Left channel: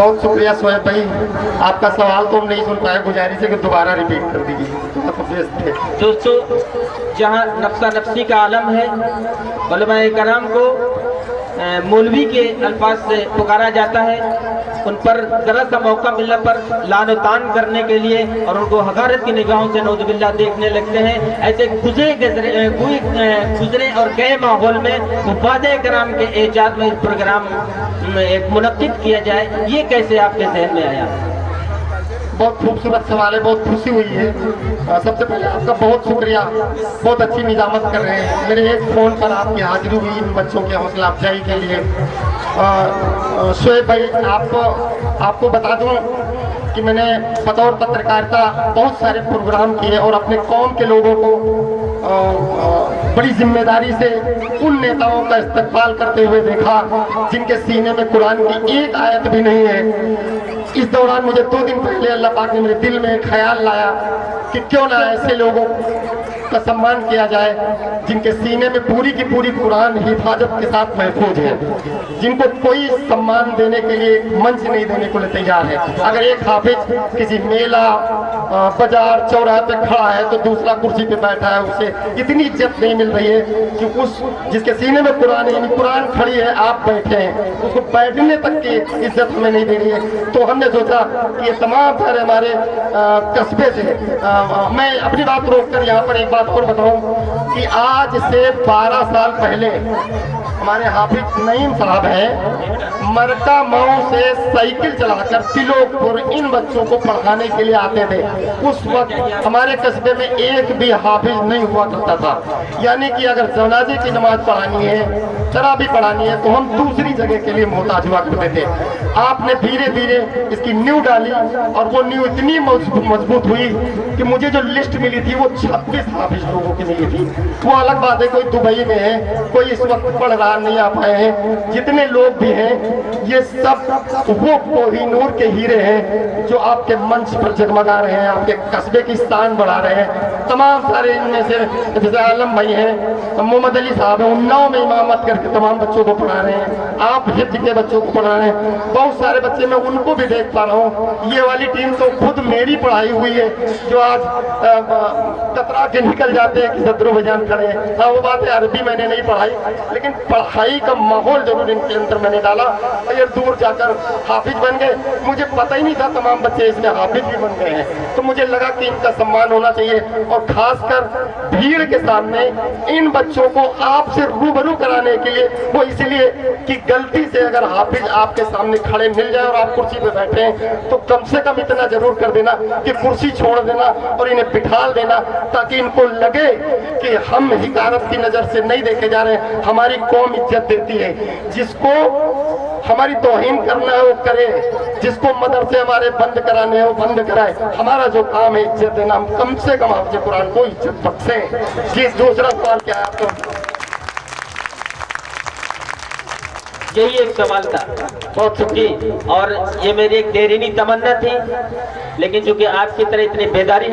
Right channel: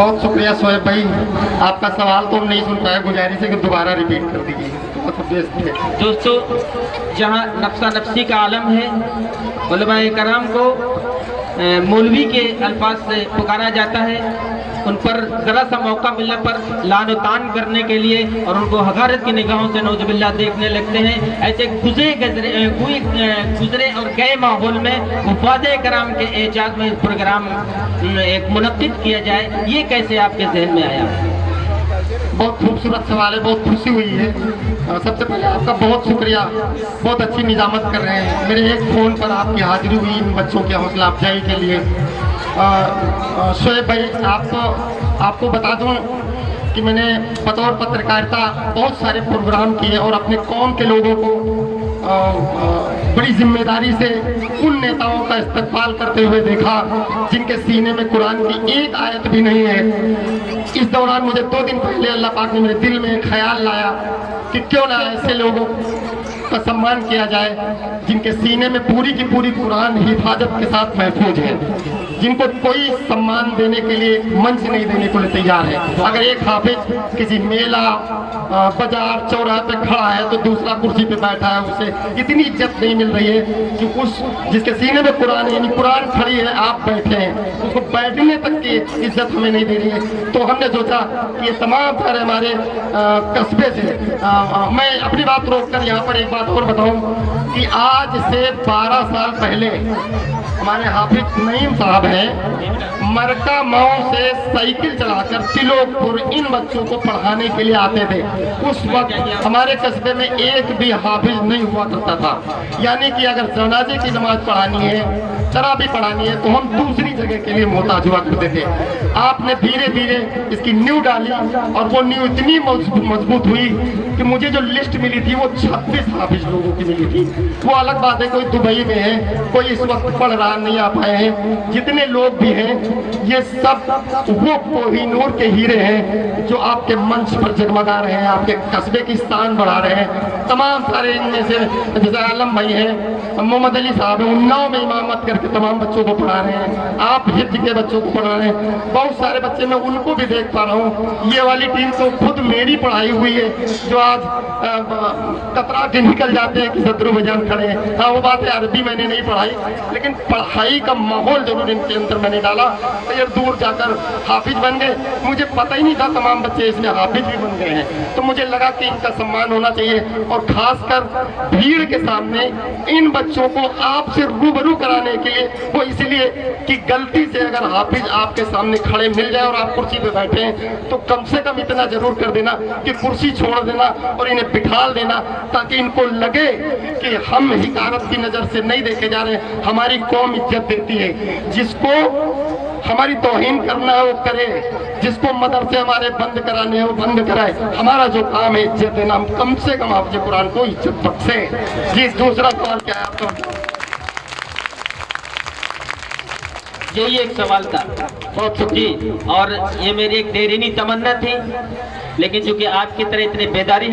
बहुत शुक्रिया शोएब भाई, आपका सवाल तो हम नहीं सुन पाए, गुजारिश है कि दोबारा रिपीट कर दीजिए। दोस्तों, जहाँ नफ्सा नफ्सी का आलम है, उलमाए कराम को मौलवी के अल्फाज से पुकारा जाता है, उन पर ज़रा सा मौका मिलने पर लान तान करने के लिए और उनको हकारत की निगाहों से नौजुबिल्लाह देखने लगते हैं। ऐसे गुजरे और गए माहौल में वफ़ाद कराम के एजाज में प्रोग्राम एक मुनक्किद किया जाए, ये कैसे आपके जहन में आया? बहुत खूबसूरत सवाल है, बहुत खुशी हुई है। सबसे पहले आपका बहुत शुक्रिया, बहुत अच्छी निजामत कर रहे हैं। मेरे एक फ़ोन पर आपकी हाजिरी हुई इन बच्चों के हौसला अफजाई के लिए। शोएब भाई, आपको बता दूं कि मैंने बतौर पत्रकारिता बहुत सारे प्रोग्राम किए और अपने कौम के लोगों को बड़ी जिम्मेदारी से उन नेताओं का इस्तकबाल करते हुए देखा जिनके सीने में कुरान की एक आयत भी नहीं है। इस दौरान मुझे 2 दिन पहले अल्लाह पाक ने मेरे दिल में एक ख्याल लाया कि क्यों ना ऐसे लोगों का सम्मान किया जाए जिनके सीने में पूरी की पूरी कुरान हिफाजत के साथ महफूज है, जिनको कोई सम्मान देने के लिए मंच नहीं देने को तैयार है। अगर एक हाफिज किसी मेला, बाजार, चौराहे पे खड़ा है तो दूसरा कुर्सी पे बैठा है, उसे इतनी इज्जत नहीं मिल रही है कि उस जिसके सीने में कुरान है, यानी कुरान खड़ी है, आप बैठे हैं, उसको बैठने तक की इज्जत हमें नहीं दे रही है। तो हमने सोचा कि ये तमाम सारे हमारे कस्बे से मैं अपनी बात रोककर यहाँ पर एक बात और बताऊं कि आज से 12 साल पहले हमारे हाफिज नईम साहब हैं, मरका माओ से साइकिल चलाकर तिलोकपुर इन बच्चों को पढ़ाने के लिए आते थे। उस वक्त हमारे कस्बे में एक भी हाफिज नहीं हुआ करता था, यानी कि अगर जनाजे की नमाज पढ़ानी है, तरावी पढ़ानी है, तो हम दूसरी जगह के लिए मोहताज हुआ करते थे। आपने धीरे धीरे इसकी नींव डाली और वो नींव इतनी मजबूत हुई कि मुझे जो लिस्ट मिली थी वो 26 हाफिज लोगों की मिली थी। वो अलग बात है, कोई दुबई में है, कोई इस वक्त पढ़ रहा नहीं आ पाए हैं। जितने लोग भी हैं ये सब वो कोहिनूर के हीरे हैं जो आपके मंच पर जगमगा रहे हैं, आपके कस्बे की शान बढ़ा रहे हैं। तमाम सारे इनमें से जैसे आलम भाई हैं, मोहम्मद अली साहब हैं, उन्नाव में इमामत करके तमाम बच्चों को पढ़ा रहे हैं। आप हिफ्ज के बच्चों को पढ़ा रहे हैं। बहुत सारे बच्चे मैं उनको भी देख पा रहा हूँ। ये वाली टीम तो खुद मेरी पढ़ाई हुई है, जो आज कतरा के निकल जाते हैं कि सदरू बजान खड़े हैं। हाँ, वो बात है, अरबी मैंने नहीं पढ़ाई, लेकिन पढ़ाई का माहौल जरूर इनके अंदर मैंने डाला। ये दूर जाकर हाफिज बन गए। मुझे पता ही नहीं था तमाम बच्चे इसमें हाफिज भी बन गए हैं। तो मुझे लगा कि इनका सम्मान होना चाहिए, और खासकर भीड़ के सामने इन बच्चों को आपसे रूबरू कराने के लिए, वो इसलिए कि गलती से अगर हाफिज आपके सामने खड़े मिल जाए और आप कुर्सी पे बैठे हैं तो कम से कम इतना जरूर कर देना कि कुर्सी छोड़ देना और इन्हें बिठाल देना, ताकि इनको लगे कि हम हिकारत की नजर से नहीं देखे जा रहे हैं। हमारी कौम इज्जत देती है, जिसको हमारी तौहीन करना है वो करे, जिसको मदरसे हमारे बंद कराने हैं वो बंद कराए। हमारा जो काम है इज्जत देना, हम कम से कम हाफिज कुरान को इज्जत बख्शें। जी, दूसरा सवाल क्या है आपका? यही एक सवाल था। बहुत जी, और ये मेरी एक देरीनी तमन्ना थी, लेकिन चूंकि आपकी तरह इतनी बेदारी